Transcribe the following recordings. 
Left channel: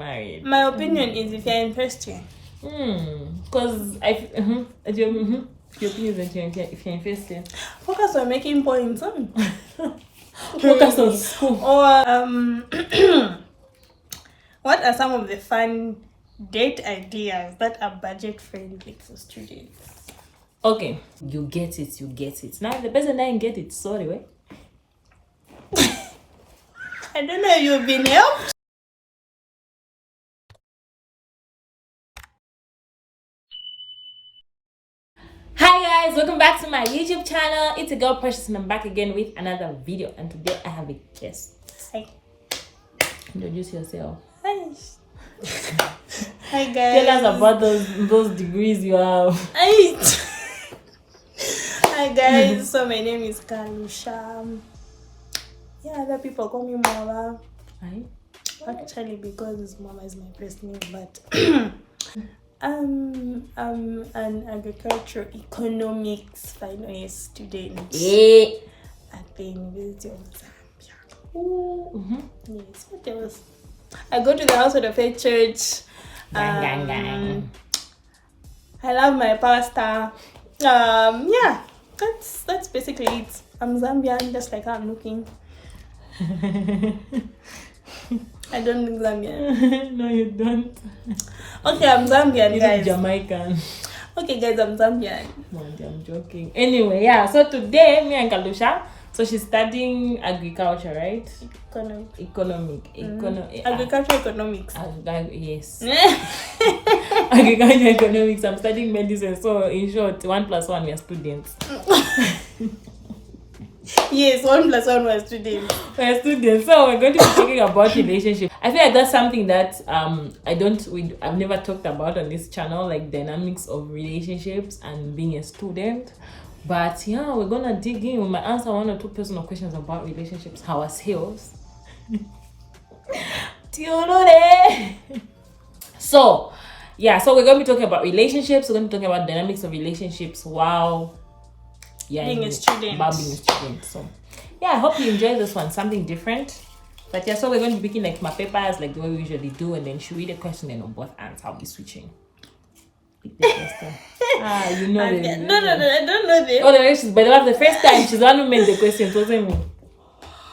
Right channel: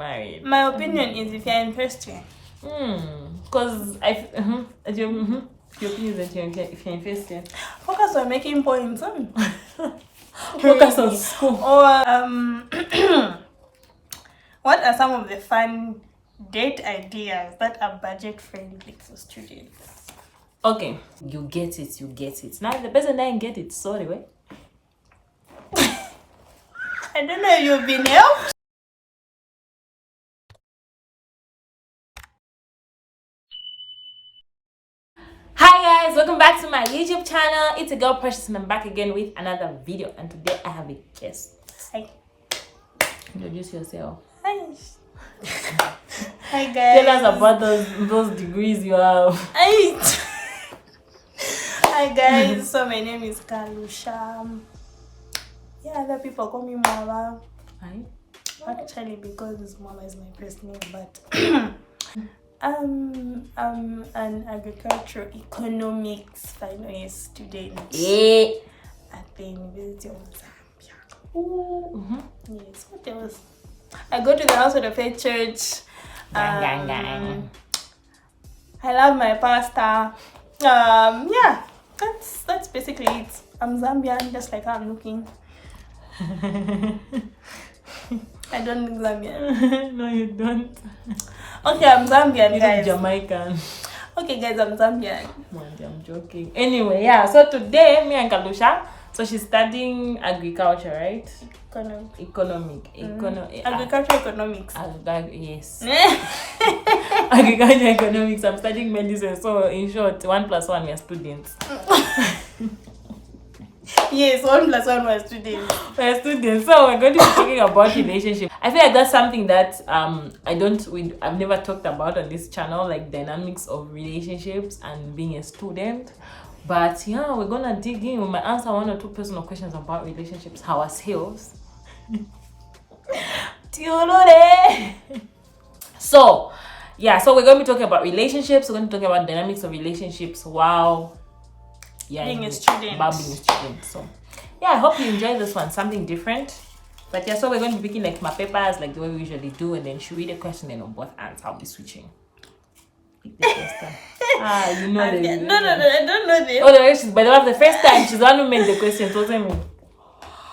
Right. My opinion is if you're in first year. Because your opinion is if you're in first year. Focus on making points. Focus on school. Or what are some of the fun date ideas that are budget friendly for students? Okay, you get it. Now the person that didn't get it, sorry, way. I don't know if you've been helped. Hi guys, welcome back to my YouTube channel. It's a girl Precious and I'm back again with another video, and today I have a guest. Hi. Introduce yourself. Hi. Hi guys. Tell us about those degrees you have. Hi guys, so my name is Kalusha. Yeah, other people call me Mama. Hi. Actually, because Mama is my first name, but I'm an agricultural economics final year student at the University of Zambia. Yes, what else? I go to the House of the Faith Church. I love my pastor. Yeah, that's basically it. I'm Zambian, just like how I'm looking. I don't look Zambian. No, you don't. Okay, I'm Zambian, guys. Jamaican. Okay, guys, I'm Zambian. I'm joking. Anyway, yeah. So today, me and Kalusha. So she's studying agriculture, right? Agriculture economics. Yes. Agriculture economics. I'm studying medicine. So in short, 1 + 1 we are students. Yes, 1 + 1 was students. We're students. So we're going to be talking about relationships. I feel like that's something that I've never talked about on this channel, like dynamics of relationships and being a student. But yeah, we're gonna dig in. We might answer 1 or 2 personal questions about relationships, ourselves. So yeah, so we're gonna be talking about relationships. We're gonna be talking about dynamics of relationships. Wow. Yeah, being a student. So yeah, I hope you enjoy this one, something different. But yeah, so we're going to be picking like my papers, like the way we usually do, and then she read a question and on both answers. I'll be switching. You know No, I don't know this. Oh, no, but the first time she's the one who made the questions, wasn't me.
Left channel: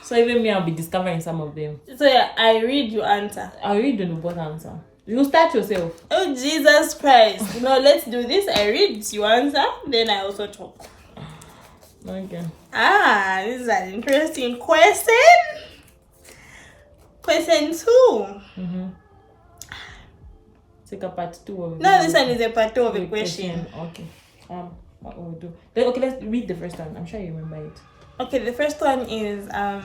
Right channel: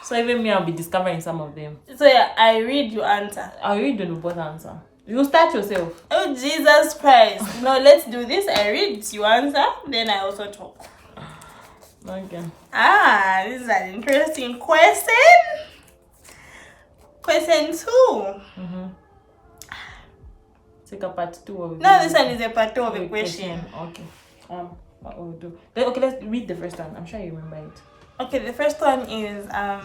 So even me, I'll be discovering some of them. So yeah, I read, you answer. I'll read on both answer. You start yourself. Oh Jesus Christ! Let's do this. I read, you answer, then I also talk. Okay. This is an interesting question. Question 2. Take a part 2 of it. No, this one is a part 2 of a question. Okay. What will we do? Okay, let's read the first one. I'm sure you remember it. Okay, the first one is have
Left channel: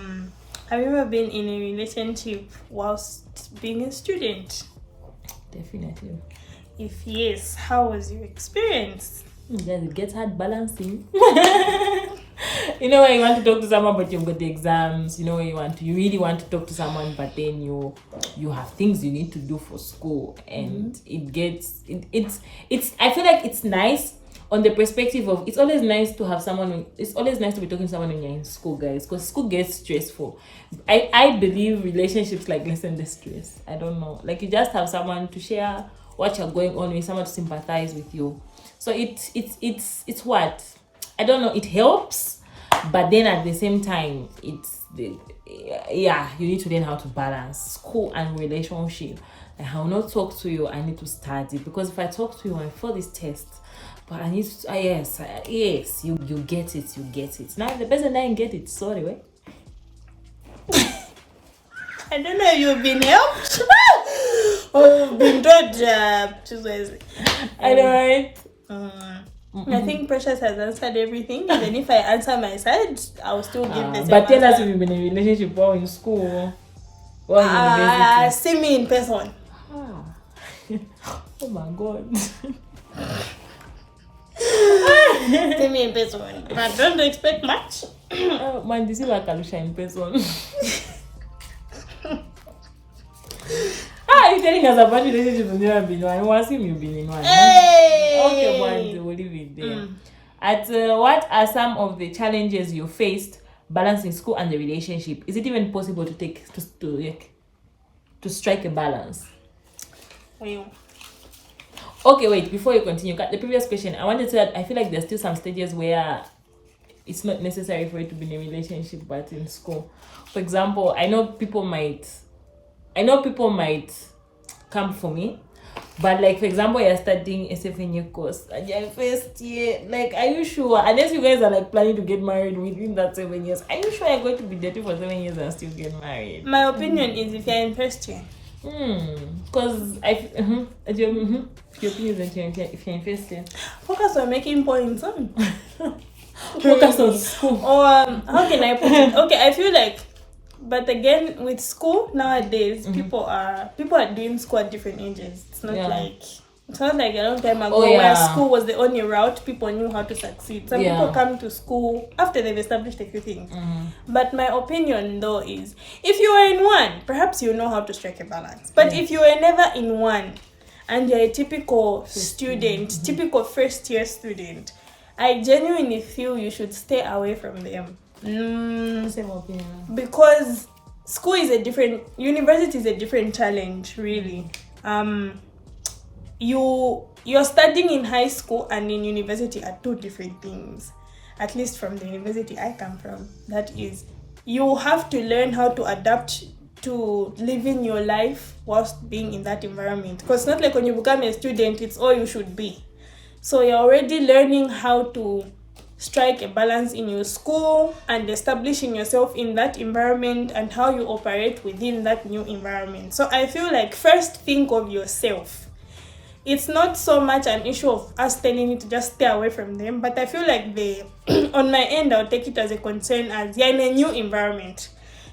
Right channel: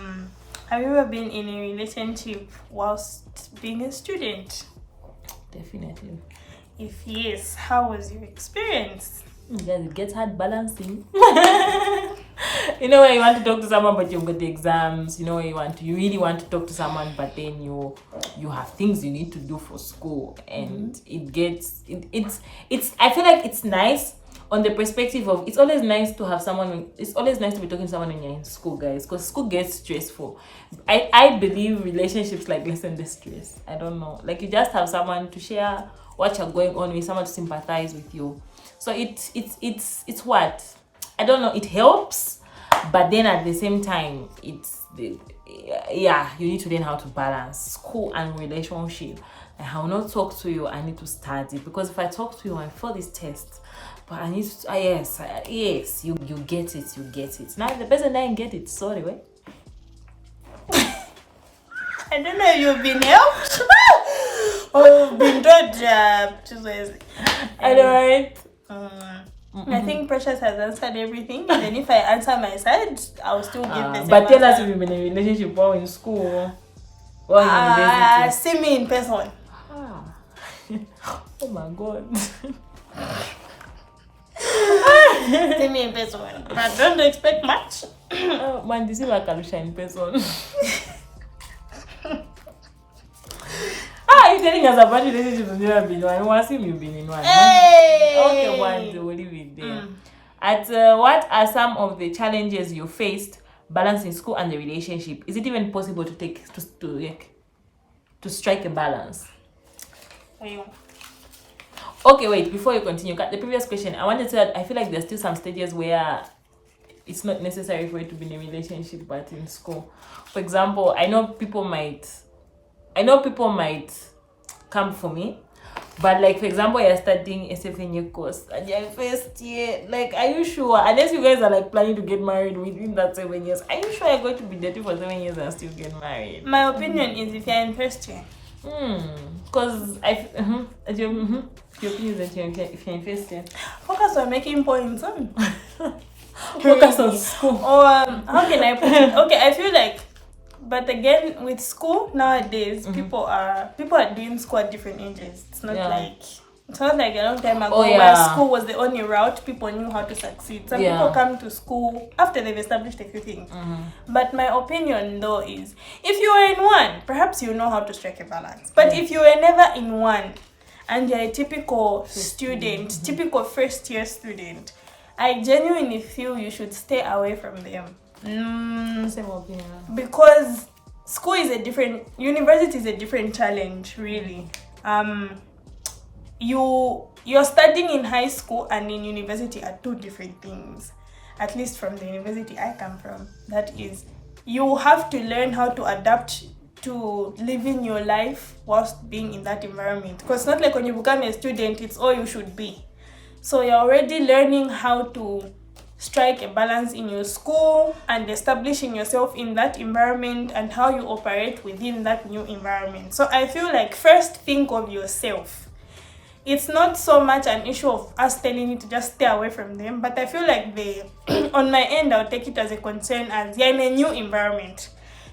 you ever been in a relationship whilst being a student? Definitely. If yes, how was your experience? Guys, it gets hard balancing. You know when you want to talk to someone but you've got the exams, you really want to talk to someone but then you have things you need to do for school, and it's I feel like it's nice on the perspective of it's always nice to have someone. It's always nice to be talking to someone when you're in school, guys, because school gets stressful. I believe relationships like lessen the stress. I don't know, like you just have someone to share what you're going on with, someone to sympathize with you. So it's what I don't know. It helps, but then at the same time, you need to learn how to balance school and relationship. Like, I will not talk to you. I need to study, because if I talk to you, I fail this test. But I need to. Yes, you get it. You get it. Now the person that didn't get it, sorry, way. I don't know if you've been helped or been told to. I know, right? I think Precious has answered everything, and then if I answer my side, I'll still give the same but tell us answer. if you've been in a relationship while in school or in university. See me in person. Oh my God. See me in person, but don't expect much. Man, this is like Kalusha in person. You're telling us about relationships and never been one. I want to see you've been in one. Hey! Okay, one, we'll leave it there. What are some of the challenges you faced balancing school and the relationship? Is it even possible to strike a balance? Okay, wait, before you continue, the previous question, I wanted to add, I feel like there's still some stages where it's not necessary for you to be in a relationship, but in school. For example, I know people might come for me, but like, for example, you're studying a 7-year course and you're first year, like, are you sure? Unless you guys are like planning to get married within that 7 years, are you sure you're going to be dating for 7 years and still get married? My opinion is if you're in first year. Because your opinion is that if you're in first year, focus on making points. Focus on school. Or how can I put it? Okay, I feel like, but again, with school nowadays, people are doing school at different ages. It's not like a long time ago where school was the only route people knew how to succeed. Some people come to school after they've established a few things. But my opinion though is, if you are in one, perhaps you know how to strike a balance. But if you are never in one and you're a typical student, typical first year student, I genuinely feel you should stay away from them. Same opinion. Because school is university is a different challenge, really. You're studying in high school and in university are two different things. At least from the university I come from. That is, you have to learn how to adapt to living your life whilst being in that environment. Because it's not like when you become a student, it's all you should be. So you're already learning how to strike a balance in your school and establishing yourself in that environment and how you operate within that new environment. So I feel like first think of yourself. It's not so much an issue of us telling you to just stay away from them, but I feel like on my end, I'll take it as a concern as you're in a new environment.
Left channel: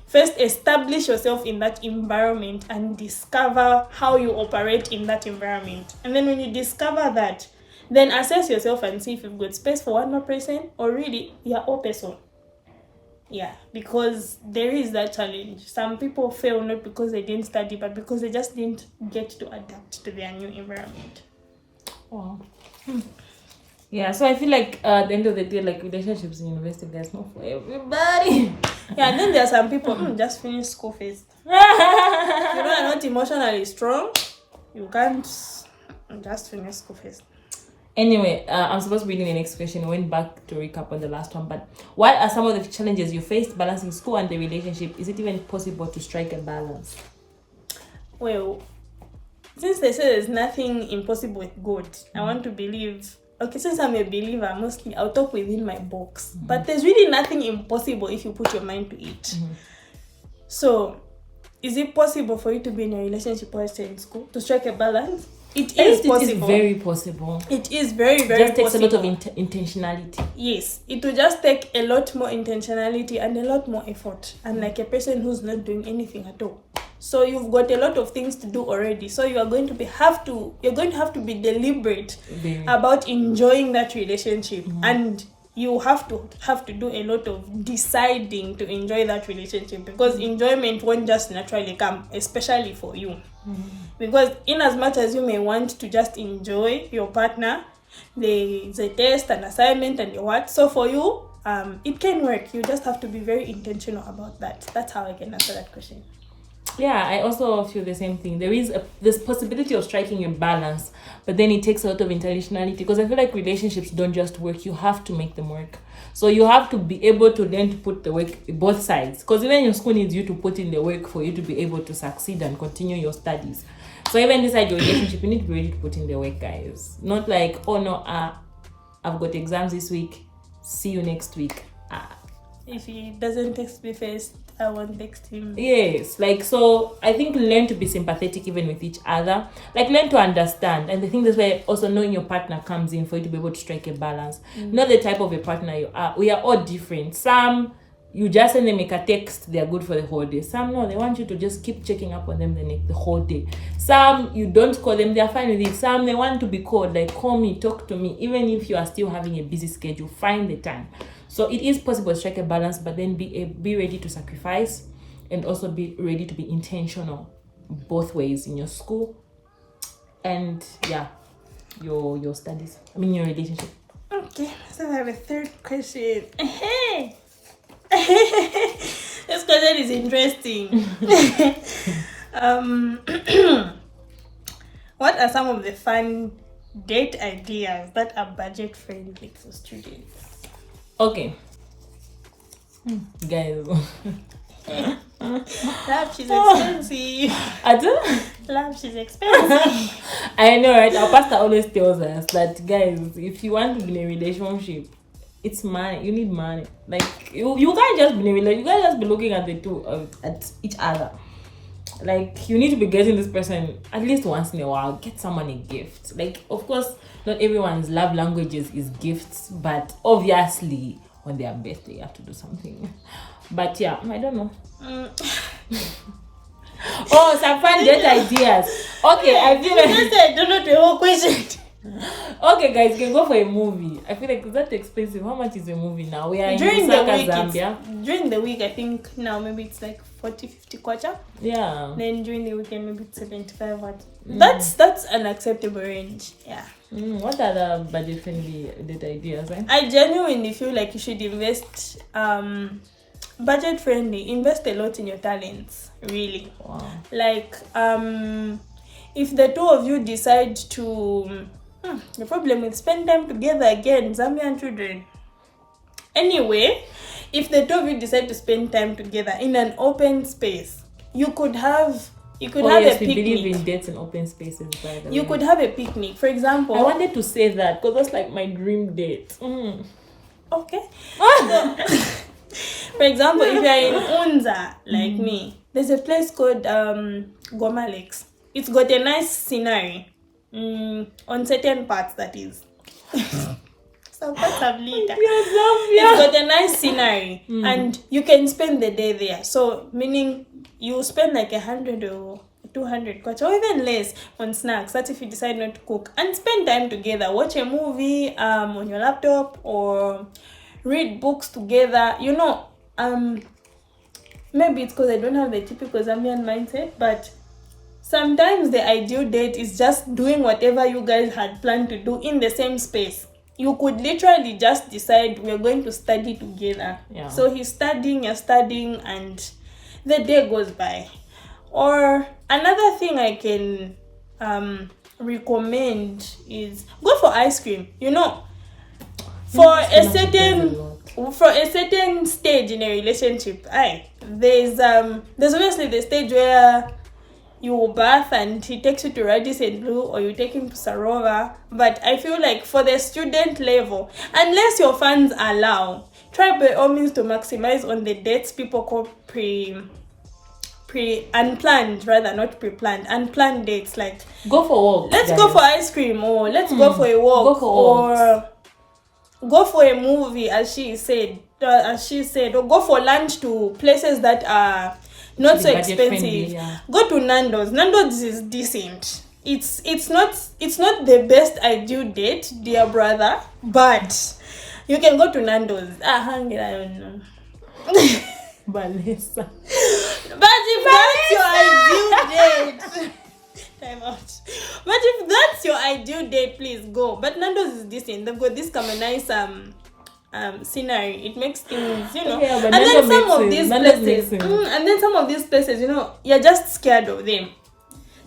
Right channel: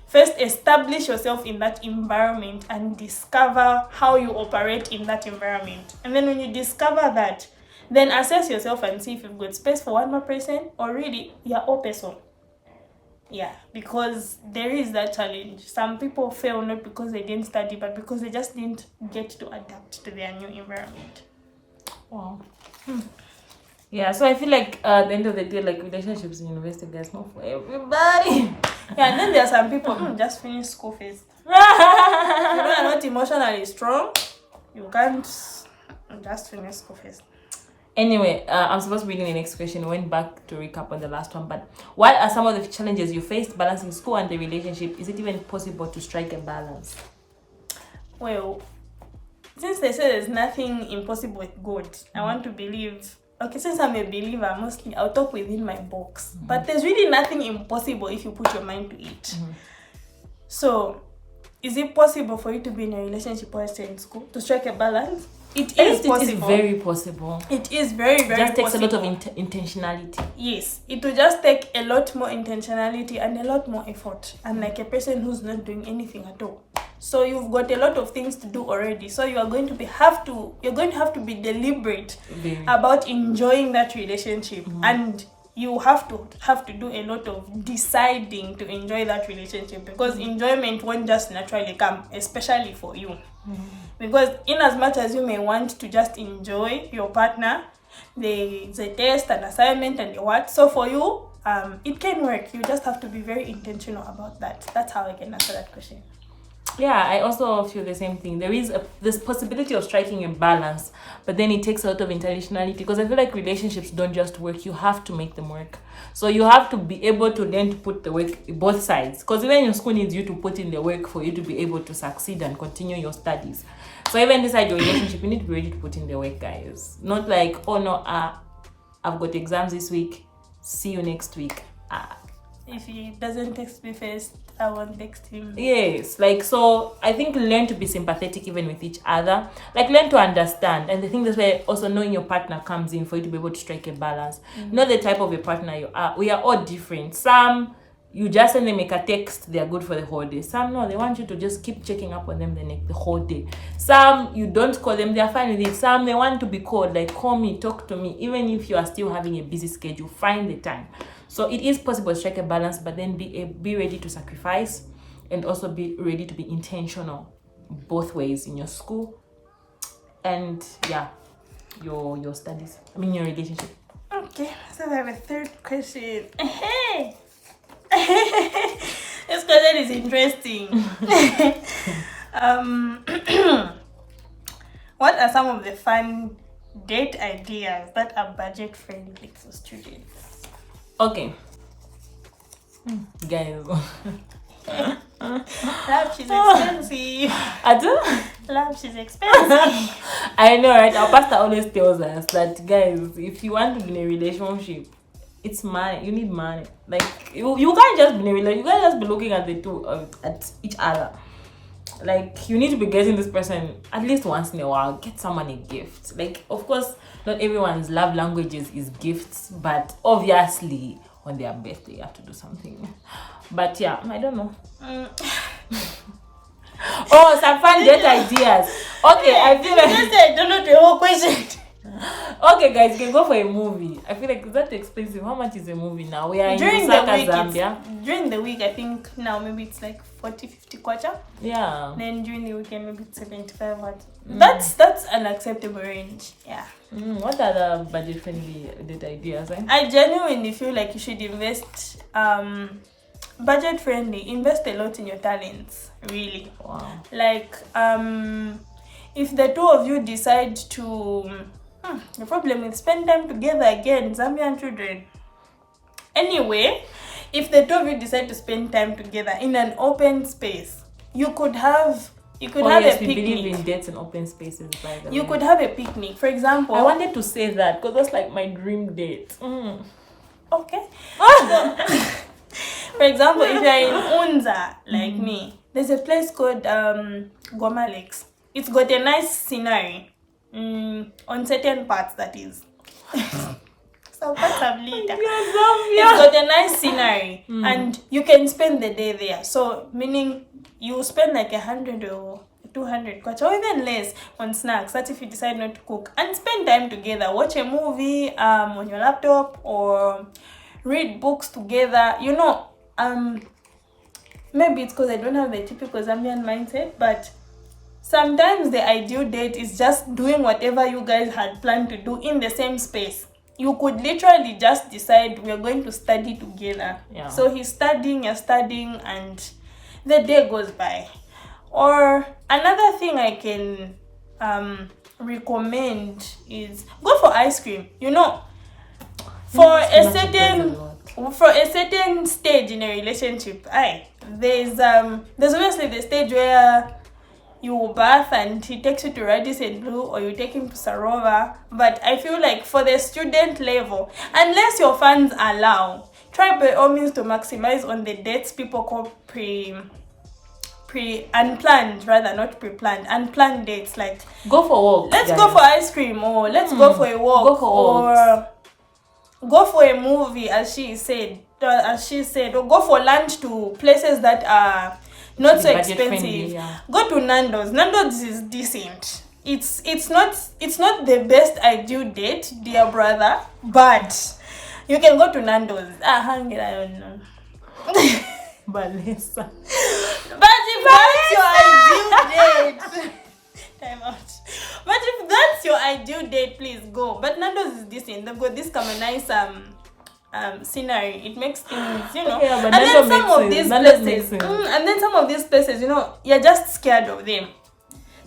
First, establish yourself in that environment and discover how you operate in that environment. And then when you discover that, then assess yourself and see if you've got space for one more person or really you're all person. Yeah, because there is that challenge. Some people fail not because they didn't study, but because they just didn't get to adapt to their new environment. Wow. Yeah, so I feel like at the end of the day, like relationships in university, there's not for everybody. Yeah, and then there are some people just finish school first. You are not emotionally strong, you can't just finish school first. Anyway, I'm supposed to be doing the next question. We went back to recap on the last one, but what are some of the challenges you faced balancing school and the relationship? Is it even possible to strike a balance? Well, since they say there's nothing impossible with God, I want to believe. Okay, since I'm a believer, mostly I'll talk within my box. But there's really nothing impossible if you put your mind to it. So, is it possible for you to be in a relationship or stay in school to strike a balance? It is possible. It is very possible. It is very, very possible. It just takes a lot of intentionality. Yes, it will just take a lot more intentionality and a lot more effort. And like a person who's not doing anything at all. So you've got a lot of things to do already. So you're going to have to be deliberate about enjoying that relationship. And you have to do a lot of deciding to enjoy that relationship, because enjoyment won't just naturally come, especially for you. Because in as much as you may want to just enjoy your partner, there's a test, an assignment, and what. So for you, it can work. You just have to be very intentional about that. That's how I can answer that question. Yeah, I also feel the same thing. There is this possibility of striking a balance, but then it takes a lot of intentionality, because I feel like relationships don't just work. You have to make them work. So you have to be able to learn to put the work both sides, because even your school needs you to put in the work for you to be able to succeed and continue your studies. So even inside your relationship, you need to be ready to put in the work, guys. Not like, oh no, I've got exams this week, see you next week. If he doesn't text me first, I won't text him. Yes, like, so I think learn to be sympathetic even with each other. Like, learn to understand. And the thing is where also knowing your partner comes in for you to be able to strike a balance. Not the type of a partner you are. We are all different. Some, you just send them like a text, they're good for the whole day. Some, no, they want you to just keep checking up on them the whole day. Some, you don't call them, they're fine with it. Some, they want to be called, like, call me, talk to me. Even if you are still having a busy schedule, find the time. So it is possible to strike a balance, but then be ready to sacrifice, and also be ready to be intentional both ways in your school and your studies. I mean your relationship. Okay, so I have a third question. This question is interesting. What are some of the fun date ideas that are budget friendly for students? Okay. Guys. Lunch is expensive. Lunch is expensive. I know, right? Our pastor always tells us that, guys, if you want to be in a relationship, it's money. You need money. Like you can't just be in a relationship. You can't just be looking at the two at each other. Like, you need to be getting this person at least once in a while. Get someone a gift. Like, of course, not everyone's love languages is gifts, but obviously on their birthday you have to do something. But yeah, I don't know. Oh, some fun date ideas. Okay, I feel like I don't know the whole question. Okay, guys, you can go for a movie. I feel like it's that expensive. How much is a movie now? We are During in the Lusaka, week, Zambia. During the week, I think now maybe it's like 40-50 kwacha. Yeah. Then during the weekend, maybe it's 75 kwacha. That's an acceptable range. Yeah. What are the budget-friendly date ideas? I genuinely feel like you should invest, budget-friendly. Invest a lot in your talents. Really. Wow. Like, if the two of you decide to, the problem is spend time together again, Zambian children. Anyway, if the two of you decide to spend time together in an open space, you could have a picnic. We believe in dates and open spaces, by the way. You could have a picnic, for example. I wanted to say that because that's like my dream date. Okay. For example, if you're in Unza, like me, there's a place called Goma Lakes. It's got a nice scenery on certain parts, that is. Some parts have litter. It's got a nice scenery and you can spend the day there. So, meaning you spend like 100 or 200 kwacha or even less on snacks. That's if you decide not to cook. And spend time together. Watch a movie on your laptop or read books together. You know, maybe it's because I don't have the typical Zambian mindset, but sometimes the ideal date is just doing whatever you guys had planned to do in the same space. You could literally just decide we're going to study together. Yeah. So he's studying, you're studying, and the day goes by. Or another thing I can recommend is go for ice cream. You know, for a certain stage in a relationship, there's obviously the stage where you bath and he takes you to Radisson Blue or you take him to Sarova. But I feel like for the student level, unless your funds allow, try by all means to maximize on the dates people call unplanned, rather, not pre-planned, unplanned dates. Like, go for a walk. Let's go for ice cream, or let's go for a walk, or go for a movie, as she said, or go for lunch to places that are not so expensive. Yeah. Go to Nando's. Nando's is decent. It's not the best ideal date, dear brother, but you can go to Nando's. I don't know. Vanessa. But if that's your ideal date, time out. But if that's your ideal date, please go. But Nando's is decent. They've got this kind of nice scenery. It makes things, you know. Yeah, and then some of these places, and then some of these places, you know, you're just scared of them.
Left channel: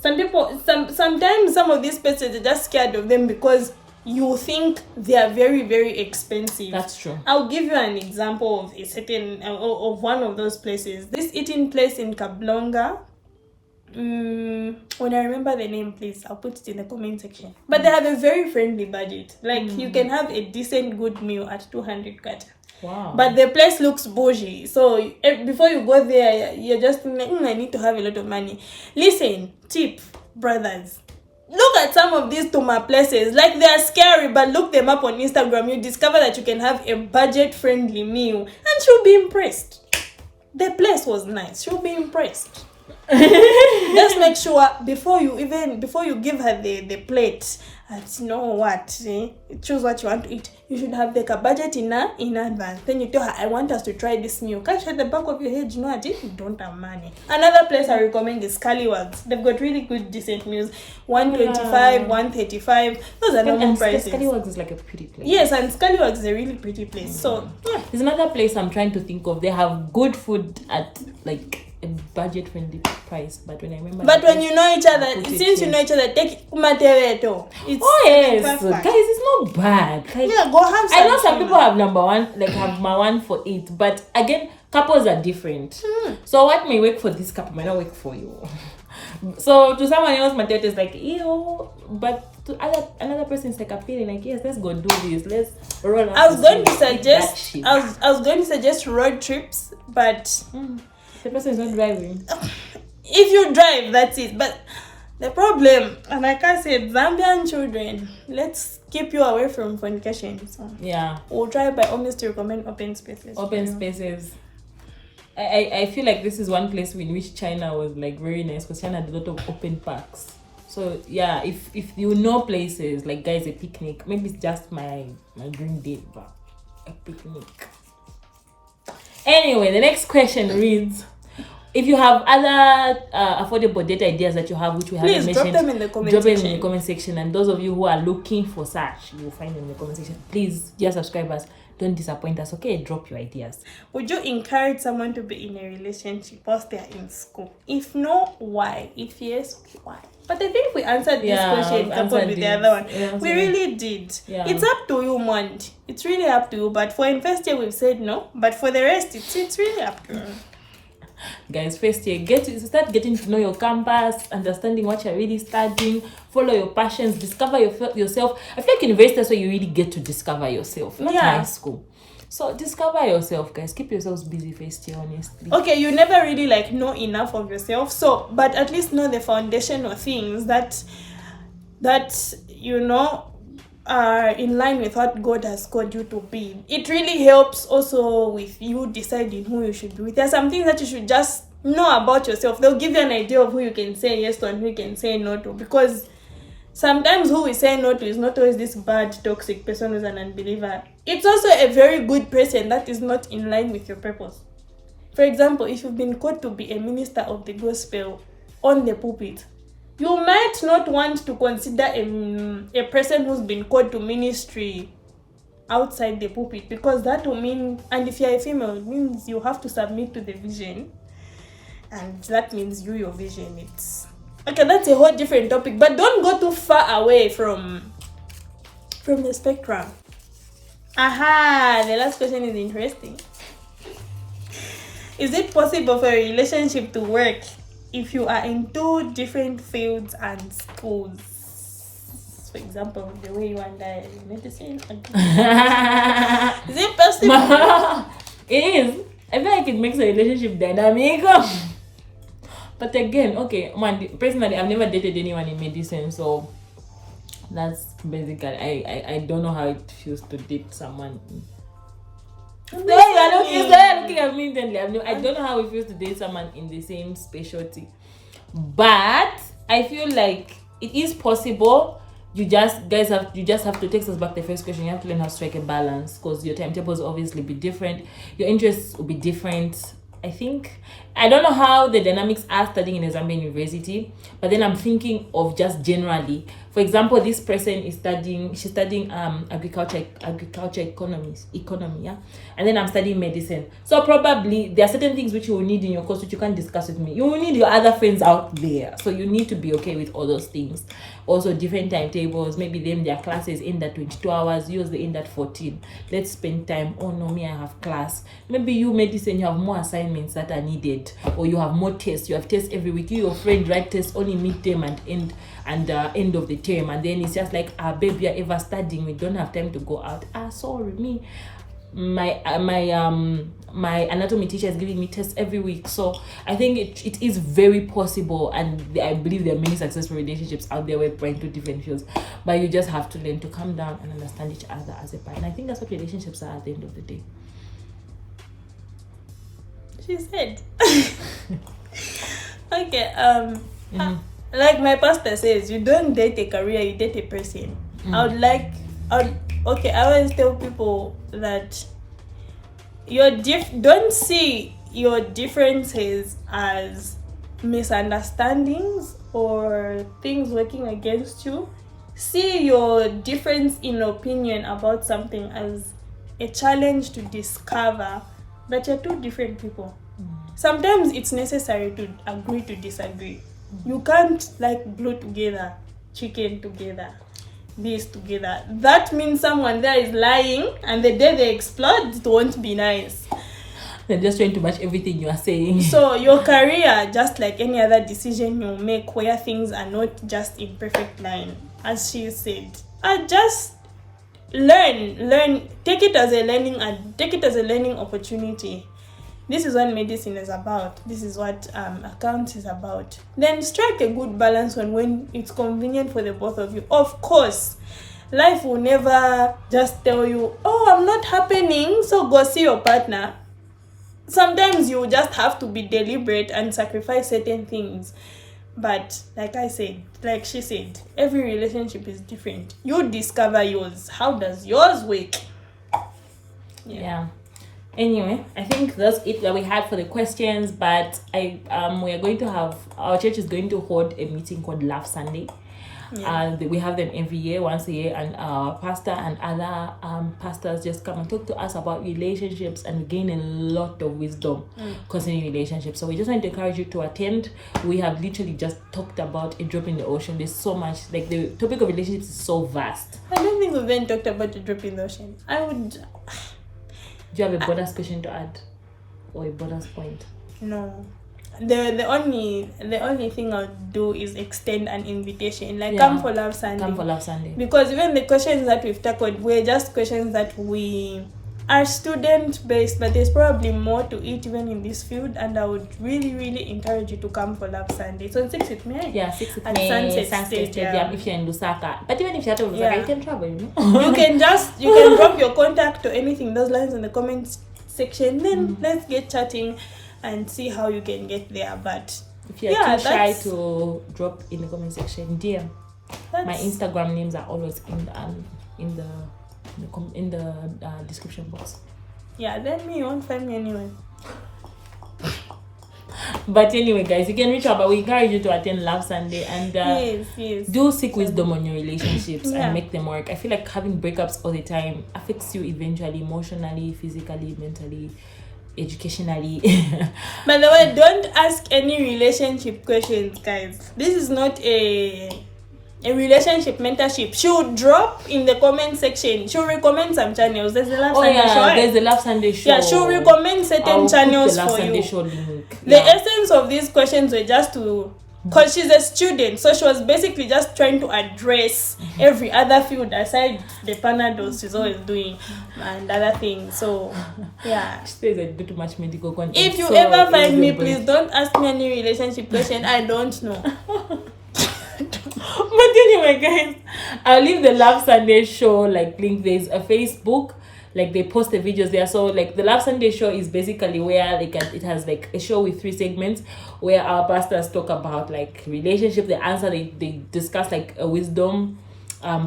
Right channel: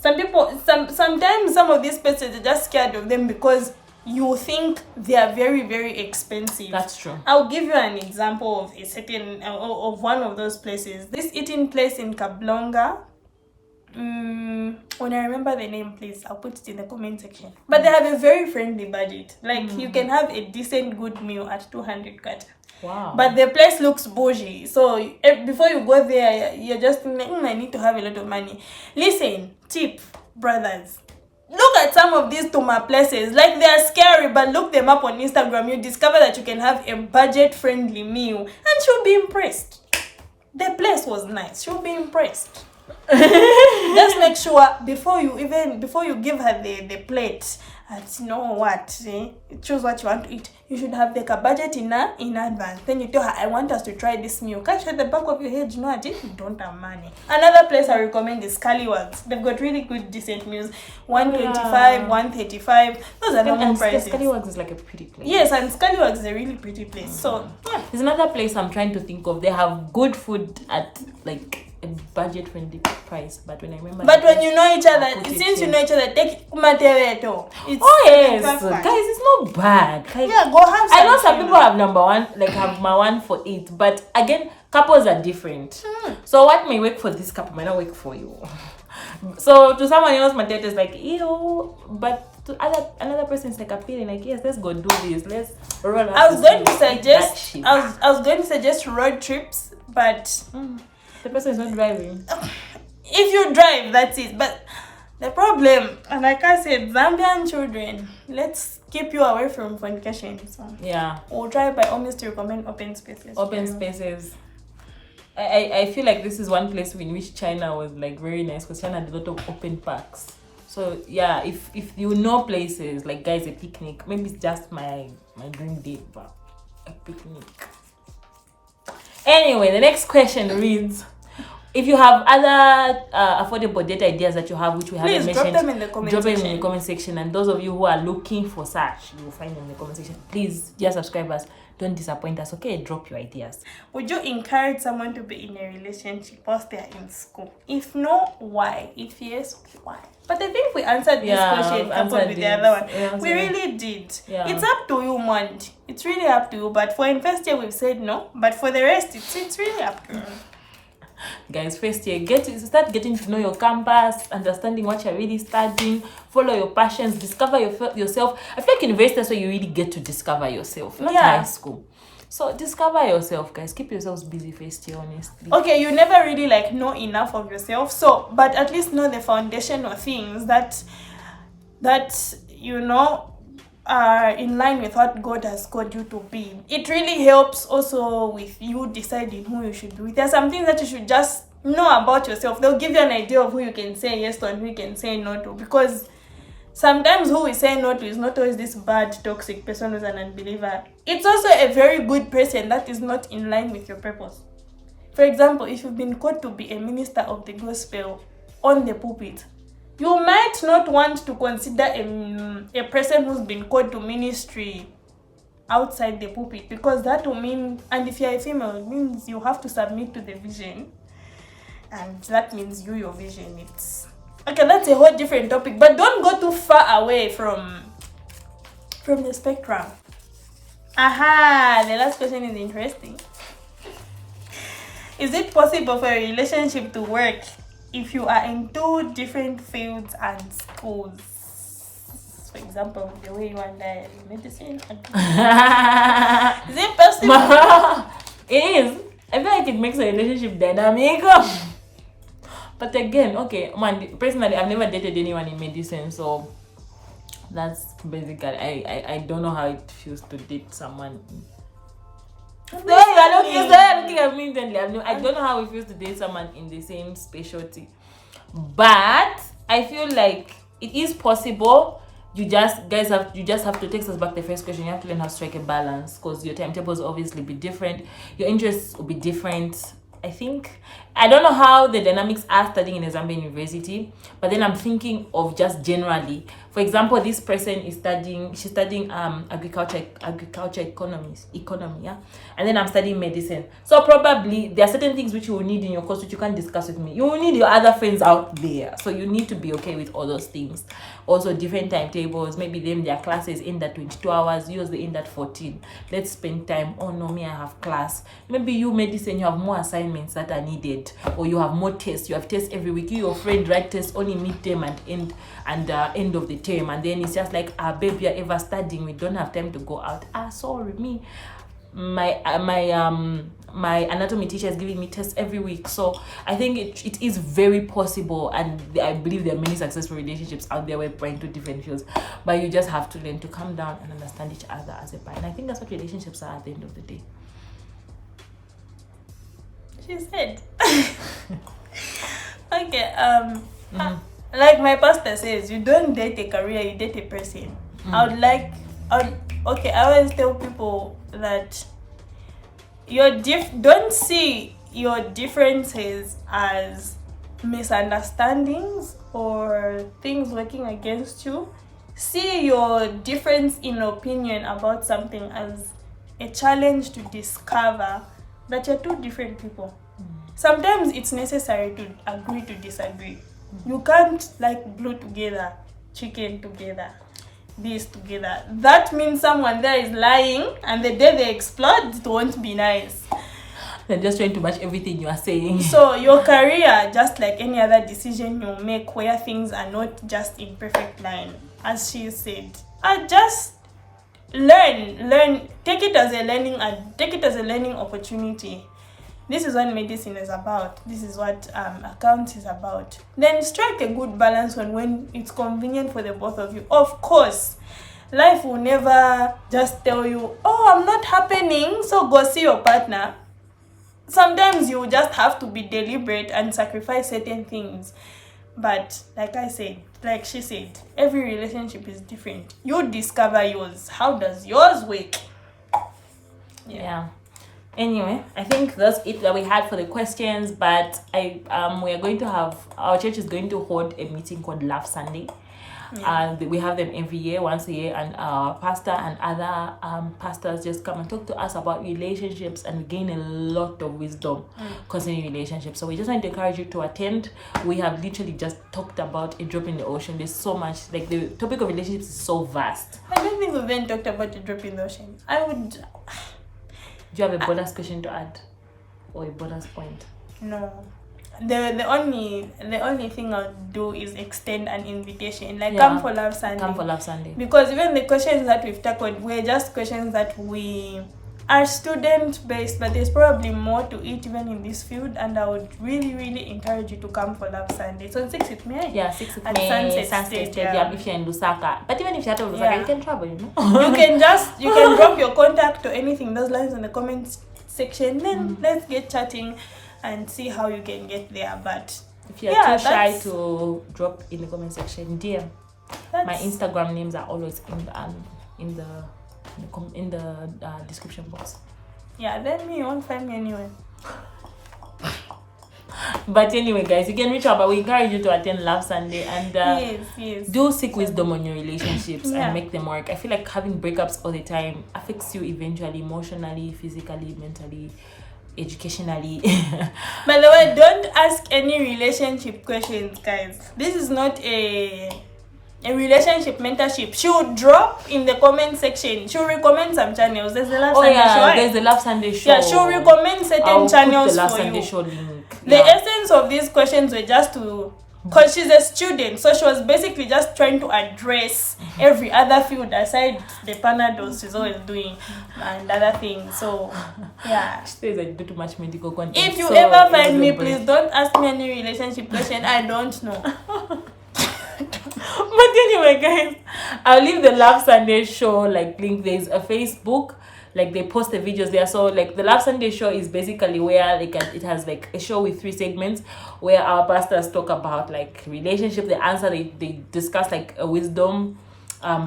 Sometimes some of these places, you're just scared of them because you think they are very, very expensive. That's true. I'll give you an example of a certain of one of those places. This eating place in Kablonga. When I remember the name, please, I'll put it in the comment section. But they have a very friendly budget. Like, you can have a decent, good meal at 200 kata. Wow. But the place looks bougie. So before you go there, you're just thinking, I need to have a lot of money. Listen, tip, brothers. Look at some of these Tuma places. Like, they are scary, but look them up on Instagram. You discover that you can have a budget-friendly meal. And she'll be impressed. The place was nice. She'll be impressed. Just make sure before you give her the plate, you know what, choose what you want to eat. You should have like a budget in advance. Then you tell her, I want us to try this meal. Catch at the back of your head, you know what, if you don't have money. Another place I recommend is Scallywags. They've got really good decent meals. 125, 135. Those are normal prices. Scallywags is like a pretty place. Yes, and Scallywags is a really pretty place. So there's another place I'm trying to think of. They have good food at like a budget-friendly price, but when I remember. But when you know each other, since you know each other, take Kumatereto. Oh yes, guys, it's not bad. Like, yeah, go have some. I know some people have number one, like have my one for 8, but again, couples are different. So what may work for this couple might not work for you. So to someone else, my date is like, but to another person, it's like a feeling like, yes, let's go do this. Let's roll out. I was going to suggest road trips, but the person is not driving. If you drive, that's it. But the problem, and like I said, Zambian children, let's keep you away from fornication. So yeah, we'll try by all means to recommend open spaces. Spaces. I feel like this is one place in which China was like very nice, because China had a lot of open parks. So yeah, if you know places like, guys, a picnic, maybe it's just my dream date, but a picnic. Anyway, the next question reads, if you have other affordable date ideas that you have, which we haven't mentioned, drop them in the comment section. And those of you who are looking for such, you will find them in the comment section. Please, dear subscribers, don't disappoint us, okay? Drop your ideas. Would you encourage someone to be in a relationship whilst they are in school? If no, why? If yes, why? But I think we answered this question coupled with the other one. Yeah, we really did. Yeah. It's up to you, man. It's really up to you. But for in first year, we've said no. But for the rest, it's really up to you. Guys, first year, start getting to know your campus, understanding what you're really studying, follow your passions, discover yourself. I feel like university is where you really get to discover yourself, not high school. So discover yourself, guys. Keep yourselves busy first year, honestly. Okay, you never really know enough of yourself, so but at least know the foundational things that are in line with what God has called you to be. It really helps also with you deciding who you should be with. There are some things that you should just know about yourself. They'll give you an idea of who you can say yes to and who you can say no to, because sometimes who we say no to is not always this bad, toxic person who's an unbeliever. It's also a very good person that is not in line with your purpose. For example, if you've been called to be a minister of the gospel on the pulpit, you might not want to consider a person who's been called to ministry outside the pulpit, because that will mean, and if you're a female, it means you have to submit to the vision, and that means your vision. It's okay, that's a whole different topic, but don't go too far away from the spectrum. The last question is interesting. Is it possible for a relationship to work if you are in 2 different fields and schools? For example, the way you and I medicine. Is it possible? It is. I feel like it makes a relationship dynamic. But again, okay, personally, I've never dated anyone in medicine, so that's basically, I don't know how it feels to date someone. You're looking at me intently. I don't know how it feels to date someone in the same specialty, but I feel like it is possible. You just have to take us back to the first question. You have to learn how to strike a balance, because your timetables will obviously be different, your interests will be different. I don't know how the dynamics are studying in a Zambian university, but then I'm thinking of just generally. For example, this person is studying agriculture economy, yeah, and then I'm studying medicine. So probably there are certain things which you will need in your course which you can't discuss with me. You will need your other friends out there, so you need to be okay with all those things. Also, different timetables. Maybe their classes end at 22 hours. Yours they end at 14. Let's spend time. Oh no, me I have class. Maybe you medicine, you have more assignments that are needed, or you have more tests. You have tests every week. You, your friend, write tests only midterm and end of the term, and then it's just like, babe, you're ever studying, we don't have time to go out. Sorry, me, my anatomy teacher is giving me tests every week. So I think it is very possible, and I believe there are many successful relationships out there where we're into different fields, but you just have to learn to calm down and understand each other as a partner. I think that's what relationships are at the end of the day. She said. Okay, like my pastor says, you don't date a career, you date a person. I always tell people that don't see your differences as misunderstandings or things working against you. See your difference in opinion about something as a challenge to discover that you're 2 different people. sometimes it's necessary to agree to disagree. You can't like glue together chicken together, this together. That means someone there is lying, and the day they explode, it won't be nice. They're just trying to match everything you are saying. So your career, just like any other decision you make where things are not just in perfect line, as she said, just learn, take it as a learning opportunity. This is what medicine is about. This is what accounts is about. Then strike a good balance on when it's convenient for the both of you. Of course, life will never just tell you, oh, I'm not happening, so go see your partner. Sometimes you just have to be deliberate and sacrifice certain things. But like she said, every relationship is different. You discover yours. How does yours work? Yeah. Anyway, I think that's it that we had for the questions. But we are going to have, our church is going to hold a meeting called Love Sunday. And we have them every year, once a year, and our pastor and other pastors just come and talk to us about relationships, and gain a lot of wisdom concerning relationships. So we just want to encourage you to attend. We have literally just talked about a drop in the ocean. There's so much, like the topic of relationships is so vast. I don't think we've even talked about a drop in the ocean. Do you have a bonus question to add, or a bonus point? No. The only thing I'll do is extend an invitation, come for Love Sunday. Come for Love Sunday. Because even the questions that we've tackled were just questions that we are student based, but there's probably more to it even in this field, and I would really, really encourage you to come for Love Sunday. So on 6th with me. Yeah, 6th with at me. Sunset Stadium. If you're in Lusaka. But even if you're out of Lusaka, you can travel, you know. you can drop your contact or anything, those lines in the comments section. Then let's get chatting and see how you can get there. But if you're too shy to drop in the comment section, dear, my Instagram names are always in the description box. Yeah, then you won't find me anywhere. But anyway, guys, you can reach out, but we encourage you to attend Love Sunday and yes. do seek wisdom on your relationships and make them work. I feel like having breakups all the time affects you eventually, emotionally, physically, mentally, educationally. By the way, don't ask any relationship questions, guys. This is not a relationship mentorship. She'll drop in the comment section. She'll recommend some channels. There's a Love Sunday show. There's a Love Sunday show. Yeah, she'll recommend certain channels for you. The essence of these questions were just to, because she's a student, so she was basically just trying to address every other field aside the Panados she's always doing and other things. So yeah, she says I do too much medical content. If you ever find me, please don't ask me any relationship question. I don't know. But anyway, guys, I'll leave the Love Sunday show link. There's a Facebook, they post the videos there. So the Love Sunday show is basically where it has a show with 3 segments where our pastors talk about relationship. They discuss a wisdom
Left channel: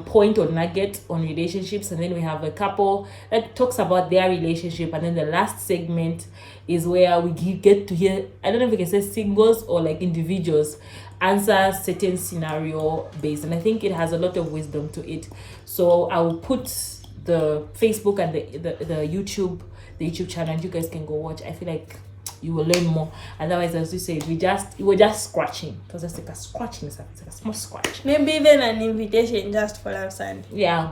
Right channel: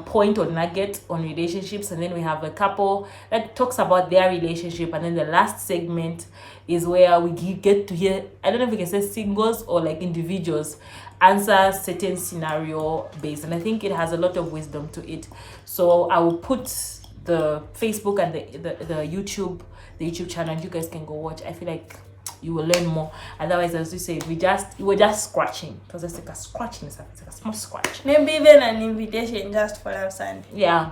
point or nugget on relationships, and then we have a couple that talks about their relationship, and then the last segment is where we get to hear, I don't know if we can say singles or individuals answer certain scenario based, and I think it has a lot of wisdom to it. So I will put the Facebook and the YouTube channel. You guys can go watch. I feel like you will learn more. Otherwise, as we said, we were just scratching. It was just a scratching, it's a small scratch. Maybe even an invitation just for Love Sunday. Yeah,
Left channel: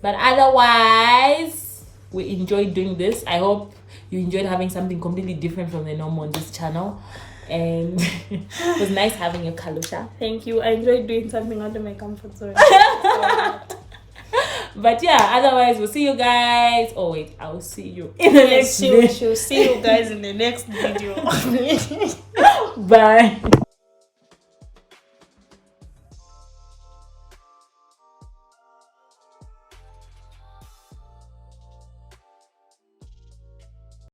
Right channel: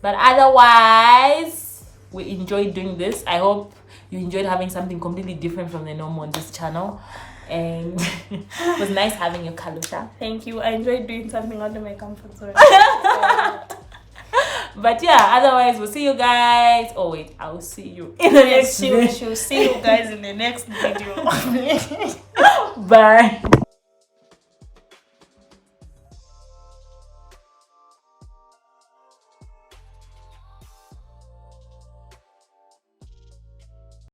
but otherwise, we enjoyed doing this. I hope you enjoyed having something completely different from the normal on this channel. And it was nice having you, Kalusha. Thank you. I enjoyed doing something out of my comfort zone. But yeah, otherwise we'll see you guys. Oh wait, I'll see you in the next video. She'll see you guys in the next video. Bye.